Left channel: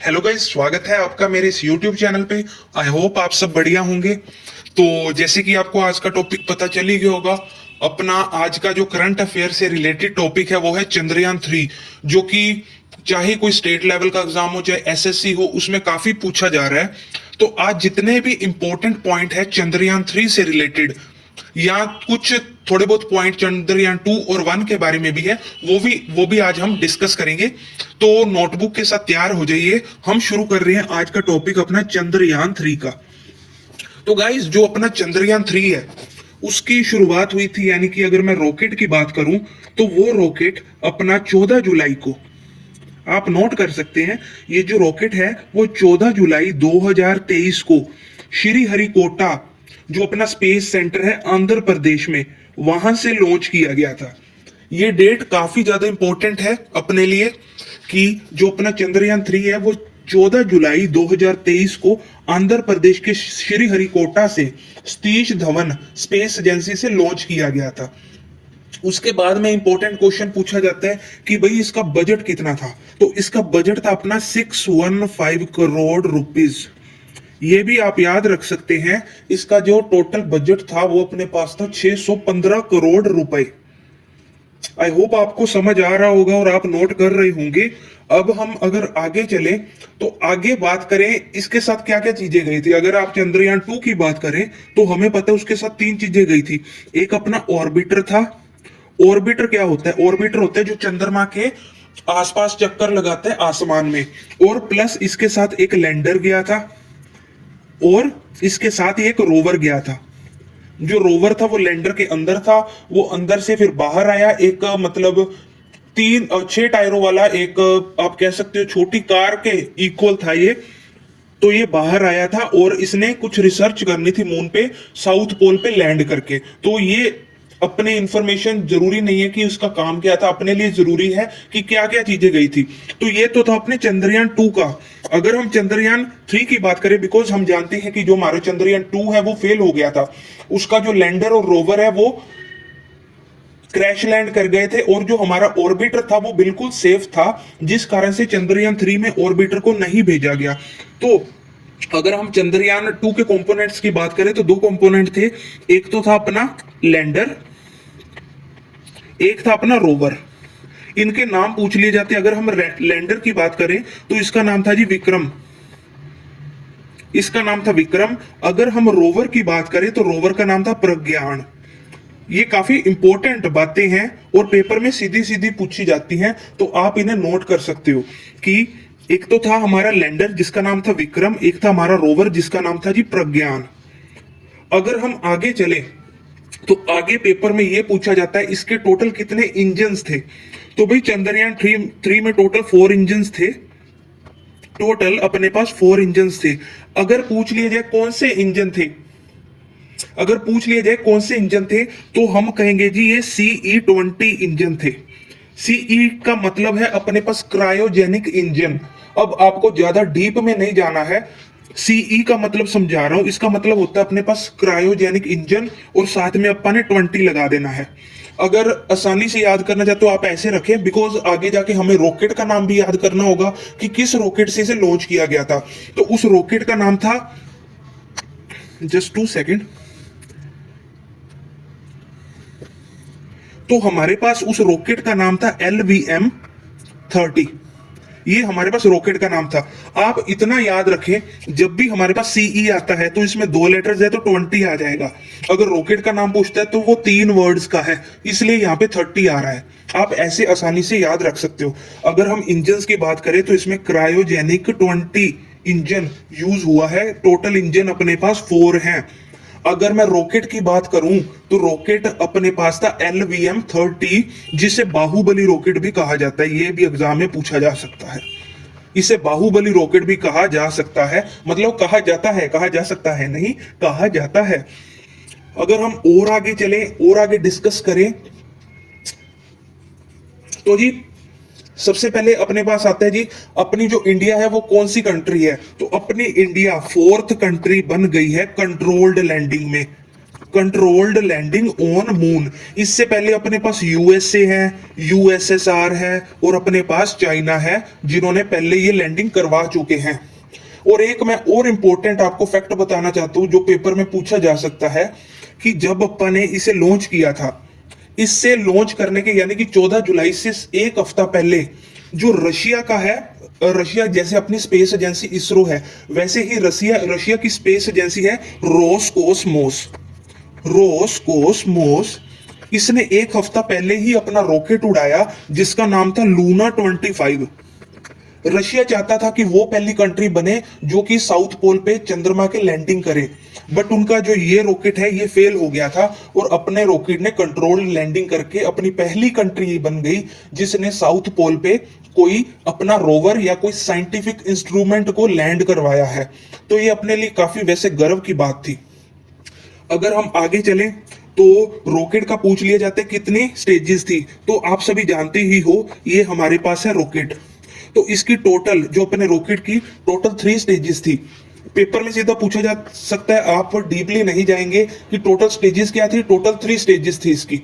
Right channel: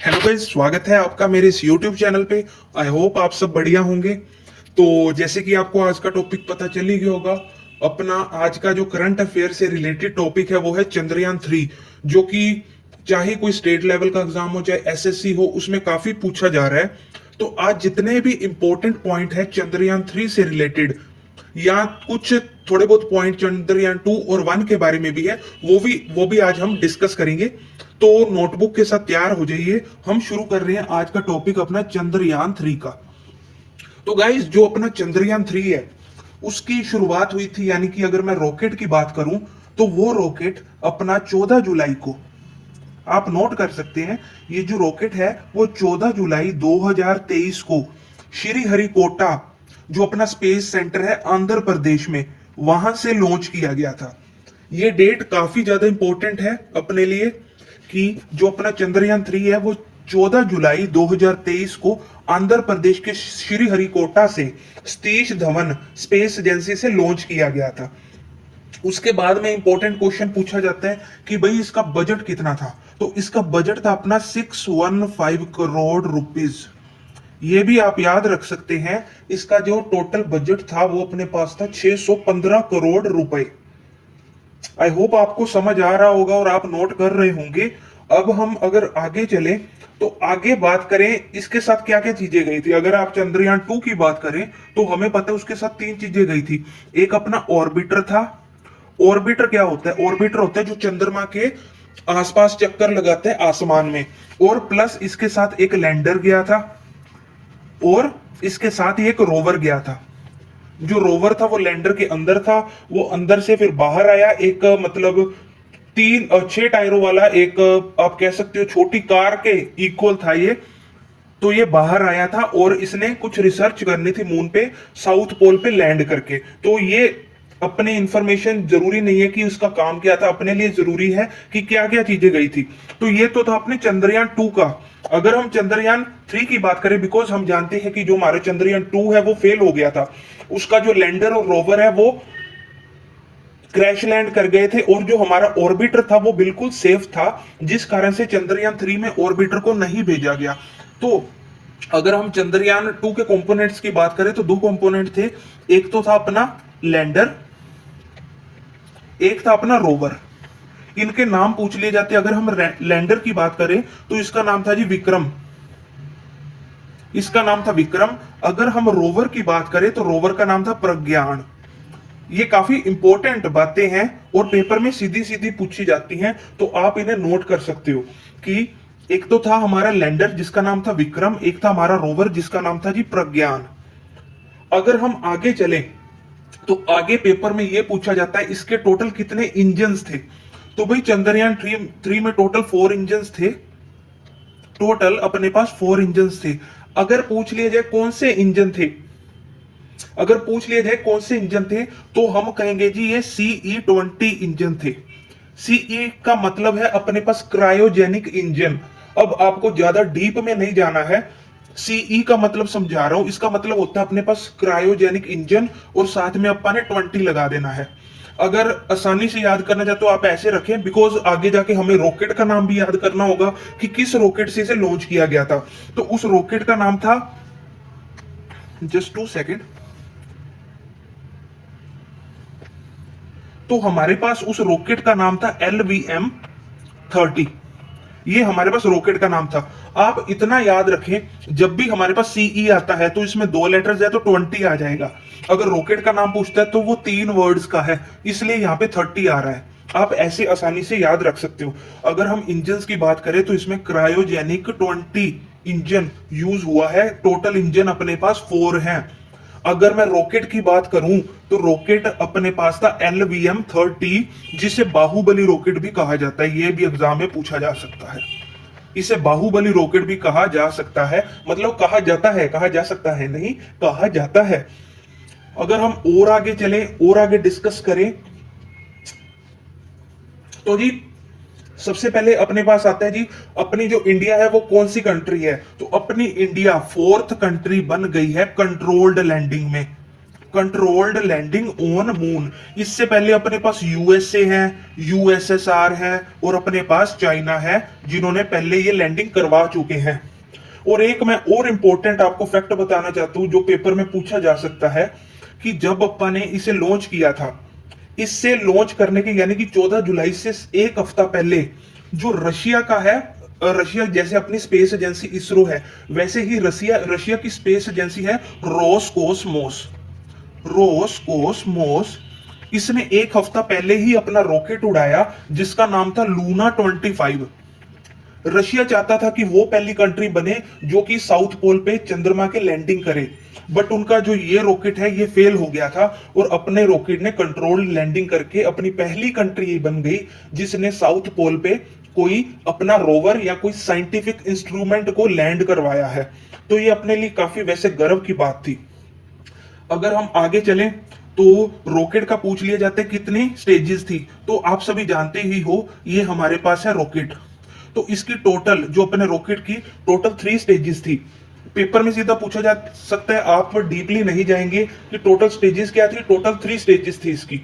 Hello guys, स्वागत है आपका मेरे इस YouTube चैनल पे। आई होप आप सब बढ़िया होंगे। तो जैसे कि आपको आज का टॉपिक पता चल ही गया होगा, अपना आज का जो करंट अफेयर से रिलेटेड टॉपिक है वो है चंद्रयान 3, जो कि चाहे कोई स्टेट लेवल का एग्जाम हो चाहे एसएससी हो, उसमें काफी पूछा जा रहा है। तो आज जितने भी इंपॉर्टेंट पॉइंट है चंद्रयान 3 से रिलेटेड, या कुछ थोड़े बहुत पॉइंट चंद्रयान 2 और 1 के बारे में भी है, वो भी आज हम डिस्कस करेंगे। तो नोटबुक के साथ तैयार हो जाइए, हम शुरू कर रहे हैं आज का टॉपिक अपना चंद्रयान 3 का। तो गाइस, जो अपना चंद्रयान 3 है उसकी शुरुआत हुई थी, यानी कि अगर मैं रॉकेट की बात करूं तो वो रॉकेट अपना 14 जुलाई को, आप नोट कर सकते हैं, ये जो रॉकेट है वो 14 जुलाई 2023 को श्रीहरिकोटा, जो अपना स्पेस सेंटर है आंध्र प्रदेश में, वहां से लॉन्च किया गया था। ये डेट काफी ज्यादा इंपॉर्टेंट है अपने लिए कि जो अपना चंद्रयान 3 है वो 14 जुलाई 2023 को आंध्र प्रदेश के श्रीहरिकोटा से सतीश धवन स्पेस एजेंसी से लॉन्च किया गया था। उसके बाद में इंपॉर्टेंट क्वेश्चन पूछा जाता है कि भाई इसका बजट कितना था। तो इसका बजट था अपना 615 करोड़ रुपीस। ये भी आप याद रख सकते हैं, इसका जो टोटल बजट था वो अपने पास था 615 करोड़ रुपए। आई होप आपको समझ आ रहा होगा और आप नोट कर रहे होंगे। अब हम अगर आगे चले तो आगे बात करें इसके साथ क्या क्या चीजें गई थी। अगर आप चंद्रयान 2 की बात करें तो हमें पता है उसके साथ 3 चीजें गई थी। एक अपना ऑर्बिटर था। ऑर्बिटर क्या होता है? ऑर्बिटर होता है जो चंद्रमा के आसपास चक्कर लगाता है आसमान में, और प्लस इसके साथ एक लैंडर गया था और इसके साथ ही एक रोवर गया था। जो रोवर था वो लैंडर के अंदर था, वो अंदर से फिर बाहर आया। एक मतलब 6 टायरों वाला एक, आप कह सकते हो छोटी कार के इक्वल था ये। तो ये बाहर आया था और इसने कुछ रिसर्च करनी थी मून पे, साउथ पोल पे लैंड करके। तो ये अपने इंफॉर्मेशन जरूरी नहीं है कि उसका काम क्या था, अपने लिए जरूरी है कि क्या क्या चीजें गई थी। तो ये तो था अपने चंद्रयान 2 का। अगर हम चंद्रयान 3 की बात करें, बिकॉज हम जानते हैं कि जो हमारा चंद्रयान 2 है वो फेल हो गया था, उसका जो लैंडर और रोवर है वो क्रैश लैंड कर गए थे, और जो हमारा ऑर्बिटर था वो बिल्कुल सेफ था, जिस कारण से चंद्रयान 3 में ऑर्बिटर को नहीं भेजा गया। तो अगर हम चंद्रयान 2 के कंपोनेंट्स की बात करें तो 2 कंपोनेंट थे। एक तो था अपना लैंडर, एक था अपना रोवर। इनके नाम पूछ लिए जाते। अगर हम लैंडर की बात करें तो इसका नाम था जी विक्रम, इसका नाम था विक्रम। अगर हम रोवर की बात करें तो रोवर का नाम था प्रज्ञान। ये काफी इंपॉर्टेंट बातें हैं और पेपर में सीधी सीधी पूछी जाती हैं, तो आप इन्हें नोट कर सकते हो कि एक तो था हमारा लैंडर जिसका नाम था विक्रम, एक था हमारा रोवर जिसका नाम था जी प्रज्ञान। अगर हम आगे चले तो आगे पेपर में यह पूछा जाता है इसके टोटल कितने इंजन्स थे। तो भाई चंद्रयान 3 में टोटल 4 इंजन्स थे। टोटल अपने पास 4 इंजन्स थे। अगर पूछ लिया जाए कौन से इंजन थे, अगर पूछ लिया जाए कौन से इंजन थे, तो हम कहेंगे जी ये CE-20 इंजन थे। सीई का मतलब है अपने पास क्रायोजेनिक इंजन। अब आपको ज्यादा डीप में नहीं जाना है, सीई का मतलब समझा रहा हूं। इसका मतलब होता है अपने पास क्रायोजेनिक इंजन और साथ में अपन ने 20 लगा देना है। अगर आसानी से याद करना चाहते हो आप ऐसे रखें, बिकॉज आगे जाके हमें रॉकेट का नाम भी याद करना होगा कि किस रॉकेट से इसे लॉन्च किया गया था। तो उस रॉकेट का नाम था, जस्ट 2 सेकेंड, तो हमारे पास उस रॉकेट का नाम था LVM-30। ये हमारे पास रॉकेट का नाम था। आप इतना याद रखें, जब भी हमारे पास सीई आता है तो इसमें 2 लेटर्स है तो 20 आ जाएगा। अगर रॉकेट का नाम पूछता है तो वो 3 वर्ड्स का है, इसलिए यहां पे 30 आ रहा है। आप ऐसे आसानी से याद रख सकते हो। अगर हम इंजन की बात करें तो इसमें क्रायोजेनिक 20 इंजन यूज हुआ है। टोटल इंजन अपने पास 4 हैं। अगर मैं रॉकेट की बात करूं तो रॉकेट अपने पास था LVM-30, जिसे बाहुबली रॉकेट भी कहा जाता है। यह भी एग्जाम में पूछा जा सकता है। इसे बाहुबली रॉकेट भी कहा जा सकता है, मतलब कहा जाता है, कहा जा सकता है नहीं, कहा जाता है। अगर हम और आगे चले और आगे डिस्कस करें तो जी सबसे पहले अपने पास आता है जी अपनी जो इंडिया है वो कौन सी कंट्री है। तो अपनी इंडिया 4th कंट्री बन गई है कंट्रोल्ड लैंडिंग में। Controlled landing on moon. इससे पहले अपने पास यूएसए है, यूएसएसआर है और अपने पास चाइना है, जिन्होंने पहले ये लैंडिंग करवा चुके हैं। और एक मैं और इंपॉर्टेंट आपको फैक्ट बताना चाहता हूं जो पेपर में पूछा जा सकता है, कि जब अपन ने इसे लॉन्च किया था, इससे लॉन्च करने के यानी कि 14 जुलाई से एक हफ्ता पहले जो रशिया का है, रशिया जैसे अपनी स्पेस एजेंसी इसरो है, वैसे ही रशिया की स्पेस एजेंसी है रोसकोसमोस। रोसकोसमोस इसने एक हफ्ता पहले ही अपना रॉकेट उड़ाया जिसका नाम था लूना 25। रशिया चाहता था कि वो पहली कंट्री बने जो कि साउथ पोल पे चंद्रमा के लैंडिंग करे, बट उनका जो ये रॉकेट है ये फेल हो गया था और अपने रॉकेट ने कंट्रोल लैंडिंग करके अपनी पहली कंट्री बन गई जिसने साउथ पोल पे कोई अपना रोवर या कोई साइंटिफिक इंस्ट्रूमेंट को लैंड करवाया है। तो ये अपने लिए काफी वैसे गर्व की बात थी। अगर हम आगे चलें तो रॉकेट का पूछ लिया जाता है कितनी स्टेजेस थी, तो आप सभी जानते ही हो ये हमारे पास है रॉकेट। तो इसकी टोटल जो अपने रॉकेट की टोटल 3 स्टेजेस थी। पेपर में सीधा पूछा जा सकता है, आप डीपली नहीं जाएंगे कि टोटल स्टेजेस क्या थी, टोटल 3 स्टेजेस थी इसकी।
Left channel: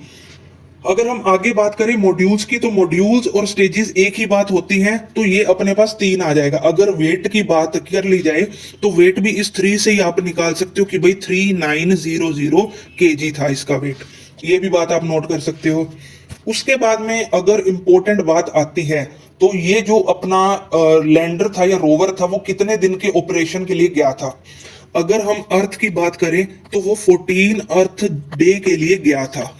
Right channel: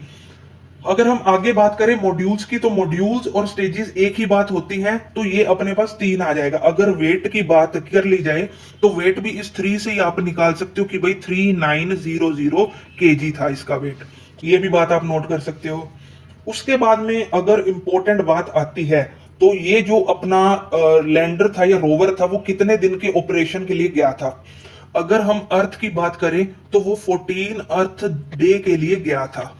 अगर हम आगे बात करें मॉड्यूल्स की, तो मॉड्यूल्स और स्टेजेस एक ही बात होती हैं, तो ये अपने पास 3 आ जाएगा। अगर वेट की बात कर ली जाए तो वेट भी इस 3 से ही आप निकाल सकते हो कि भाई 3900 केजी था इसका वेट। ये भी बात आप नोट कर सकते हो। उसके बाद में अगर इंपॉर्टेंट बात आती है तो ये जो अपना लैंडर था या रोवर था वो कितने दिन के ऑपरेशन के लिए गया था। अगर हम अर्थ की बात करें तो वो 14 अर्थ डे के लिए गया था।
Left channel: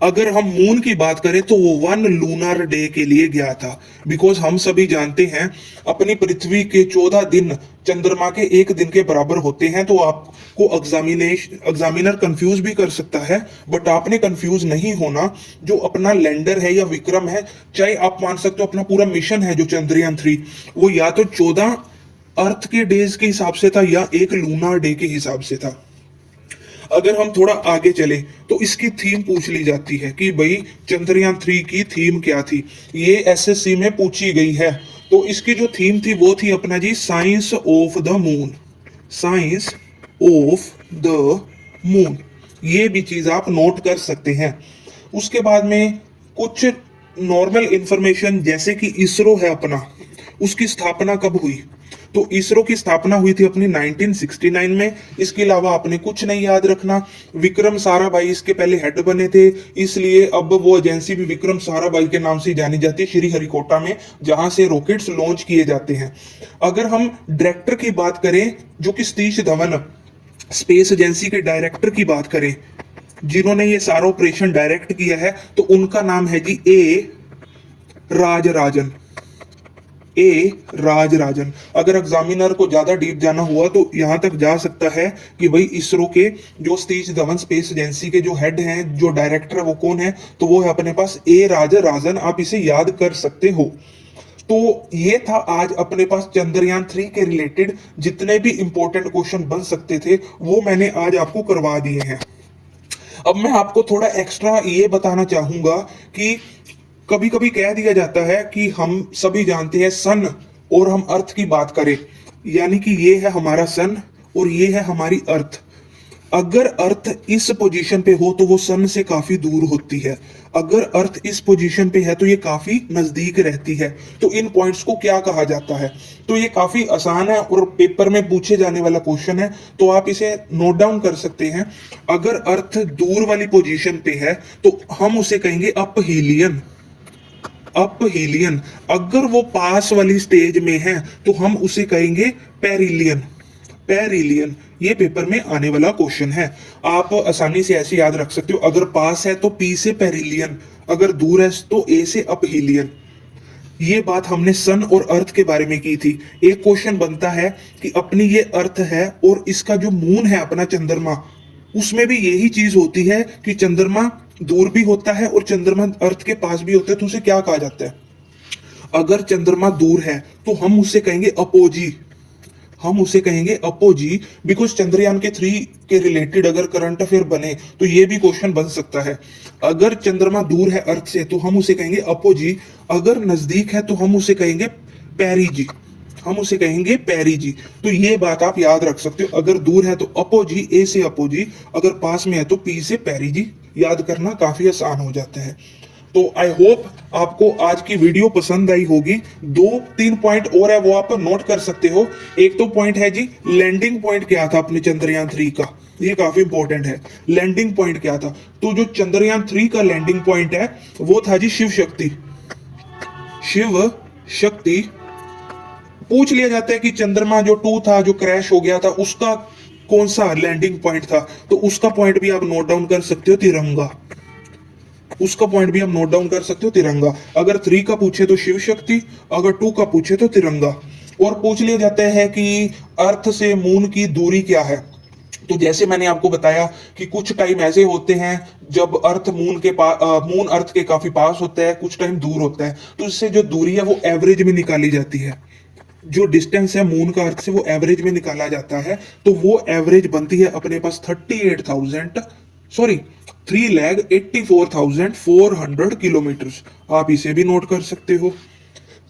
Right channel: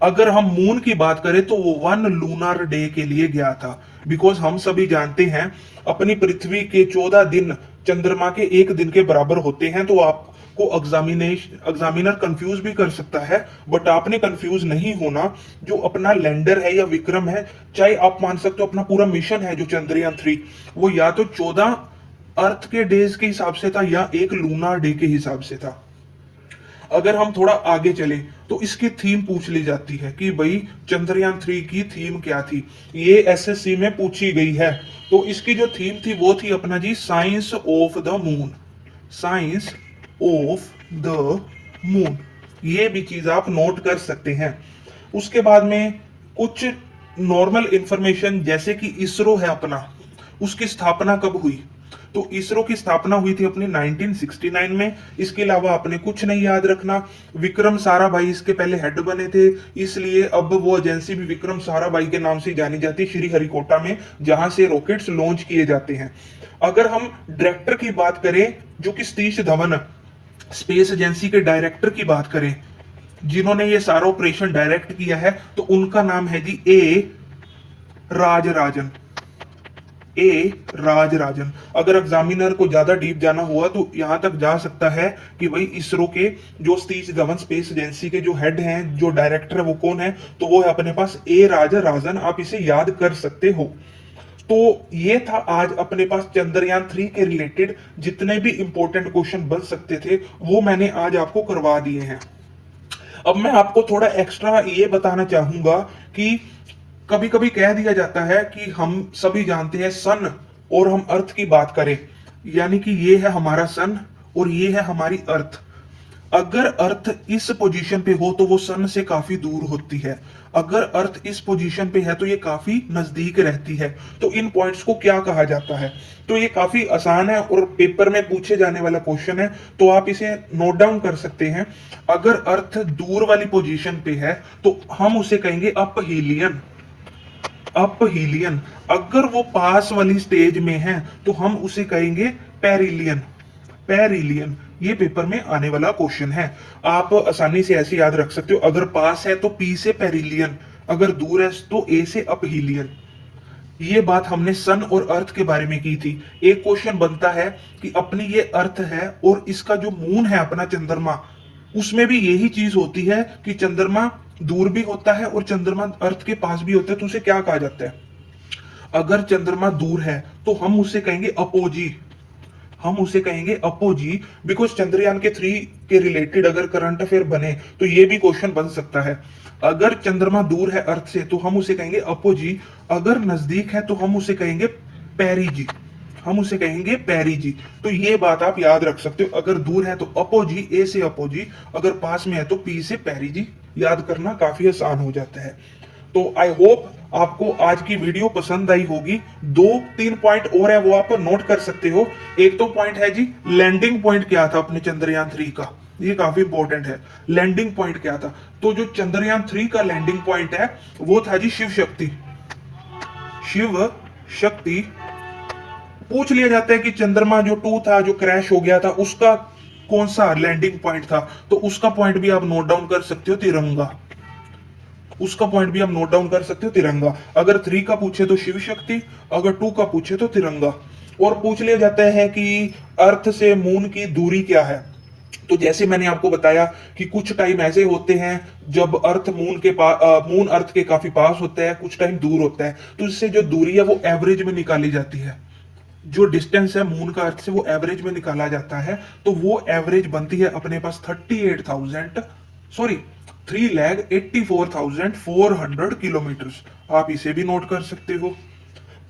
अगर हम मून की बात करें तो वो 1 लूनार डे के लिए गया था। बिकॉज हम सभी जानते हैं अपनी पृथ्वी के 14 दिन चंद्रमा के 1 दिन के बराबर होते हैं। तो आपको एग्जामिनर कंफ्यूज भी कर सकता है, बट आपने कंफ्यूज नहीं होना। जो अपना लैंडर है या विक्रम है, चाहे आप मान सकते हो अपना पूरा मिशन है जो चंद्रयान 3, वो या तो 14 अर्थ के डेज के हिसाब से था या 1 लूनार डे के हिसाब से था। अगर हम थोड़ा आगे चले तो इसकी थीम पूछ ली जाती है कि भाई चंद्रयान 3 की थीम क्या थी। ये एसएससी में पूछी गई है। तो इसकी जो थीम थी वो थी अपना जी science of the moon. Science of the moon, ये भी चीज आप नोट कर सकते हैं। उसके बाद में कुछ नॉर्मल इंफॉर्मेशन, जैसे कि इसरो है अपना, उसकी स्थापना कब हुई। तो इसरो की स्थापना हुई थी अपनी 1969 में। इसके अलावा आपने कुछ नहीं याद रखना। विक्रम साराभाई इसके पहले हेड बने थे, इसलिए अब वो एजेंसी भी विक्रम साराभाई के नाम से जानी जाती है, श्रीहरिकोटा में, जहां से रॉकेट्स लॉन्च किए जाते हैं। अगर हम डायरेक्टर की बात करें, जो कि सतीश धवन स्पेस एजेंसी के डायरेक्टर की बात करें, जिन्होंने ये सारा ऑपरेशन डायरेक्ट किया है, तो उनका नाम है जी ए राजराजन। ए राजराजन। अगर एग्जामिनर को ज्यादा डीप जाना हुआ तो यहां तक जा सकता है कि भाई इसरो के जो सतीश धवन स्पेस एजेंसी के जो हेड हैं, जो डायरेक्टर है, वो कौन है, तो वो है अपने पास ए राजराजन। आप इसे याद कर सकते हो। तो ये था आज अपने पास चंद्रयान 3 के रिलेटेड जितने भी इंपॉर्टेंट क्वेश्चन बन सकते थे वो मैंने आज आपको करवा दिए हैं। अब मैं आपको थोड़ा एक्स्ट्रा ये बताना चाहूंगा कि कभी कभी कह दिया जाता है कि हम सभी जानते हैं सन और हम अर्थ की बात करें, यानी कि ये है हमारा सन और ये है हमारी अर्थ। अगर अर्थ इस पोजीशन पे हो तो वो सन से काफी दूर होती है, अगर अर्थ इस पोजीशन पे है तो ये काफी नजदीक रहती है। तो इन पॉइंट्स को क्या कहा जाता है। तो ये काफी आसान है और पेपर में पूछे जाने वाला क्वेश्चन है, तो आप इसे नोट डाउन कर सकते हैं। अगर अर्थ दूर वाली पोजीशन पे है तो हम उसे कहेंगे अपहीलियन। अपहीलियन। अगर वो पास वाली स्टेज में है तो हम उसे कहेंगे पेरिलियन। पेरिलियन, ये पेपर में आने वाला क्वेश्चन है। आप आसानी से ऐसे याद रख सकते हो, अगर पास है तो पी से पेरिलियन, अगर दूर है तो ए से अपहीलियन। ये बात हमने सन और अर्थ के बारे में की थी। एक क्वेश्चन बनता है कि अपनी ये अर्थ है और इसका जो मून है अपना चंद्रमा, उसमें भी यही चीज होती है कि चंद्रमा दूर भी होता है और चंद्रमा अर्थ के पास भी होता है। तो उसे क्या कहा जाता है। अगर चंद्रमा दूर है तो हम उसे कहेंगे अपोजी। हम उसे कहेंगे अपोजी। बिकॉज चंद्रयान के 3 के रिलेटेड अगर करंट अफेयर बने तो ये भी क्वेश्चन बन सकता है। अगर चंद्रमा दूर है अर्थ से तो हम उसे कहेंगे अपोजी, अगर नजदीक है तो हम उसे कहेंगे पेरिजी। हम उसे कहेंगे पेरिजी। तो ये बात आप याद रख सकते हो, अगर दूर है तो अपोजी, ए से अपोजी, अगर पास में है तो पी से पेरिजी। याद करना काफी आसान हो जाता है। तो आई होप आपको आज की वीडियो पसंद आई होगी। 2-3 पॉइंट और है वो आप नोट कर सकते हो। एक तो पॉइंट है जी, लैंडिंग पॉइंट क्या था अपने चंद्रयान 3 का, ये काफी इंपॉर्टेंट है। लैंडिंग पॉइंट क्या था, तो जो चंद्रयान 3 का लैंडिंग पॉइंट है वो था जी शिव शक्ति। शिव शक्ति पूछ लिया जाता है कि चंद्रमा जो 2 था जो क्रैश हो गया था उसका कौन सा लैंडिंग पॉइंट था, तो उसका पॉइंट भी आप नोट डाउन कर सकते हो, तिरंगा। उसका पॉइंट भी आप नोट डाउन कर सकते हो, तिरंगा। अगर 3 का पूछे तो शिव शक्ति, अगर 2 का पूछे तो तिरंगा। और पूछ लिया जाता है कि अर्थ से मून की दूरी क्या है, तो जैसे मैंने आपको बताया कि कुछ टाइम ऐसे होते हैं जब अर्थ मून के पास, मून अर्थ के काफी पास होता है, कुछ टाइम दूर होता है, तो इससे जो दूरी है वो एवरेज में निकाली जाती है। जो डिस्टेंस है मून का अर्थ से वो एवरेज में निकाला जाता है, तो वो एवरेज बनती है अपने पास 3,84,400 किलोमीटर। आप इसे भी नोट कर सकते हो।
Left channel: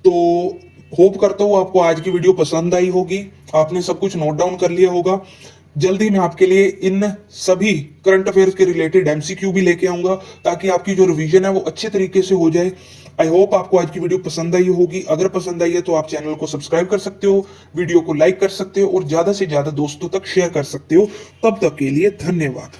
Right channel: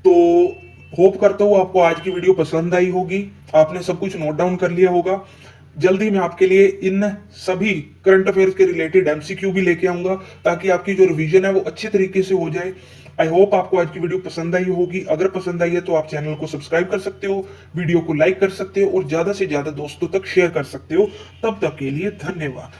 तो होप करता हूं आपको आज की वीडियो पसंद आई होगी, आपने सब कुछ नोट डाउन कर लिया होगा। जल्दी मैं आपके लिए इन सभी करंट अफेयर्स के रिलेटेड एमसीक्यू भी लेके आऊंगा, ताकि आपकी जो रिवीजन है वो अच्छे तरीके से हो जाए। आई होप आपको आज की वीडियो पसंद आई होगी। अगर पसंद आई है तो आप चैनल को सब्सक्राइब कर सकते हो, वीडियो को लाइक कर सकते हो और ज्यादा से ज्यादा दोस्तों तक शेयर कर सकते हो। तब तक के लिए धन्यवाद।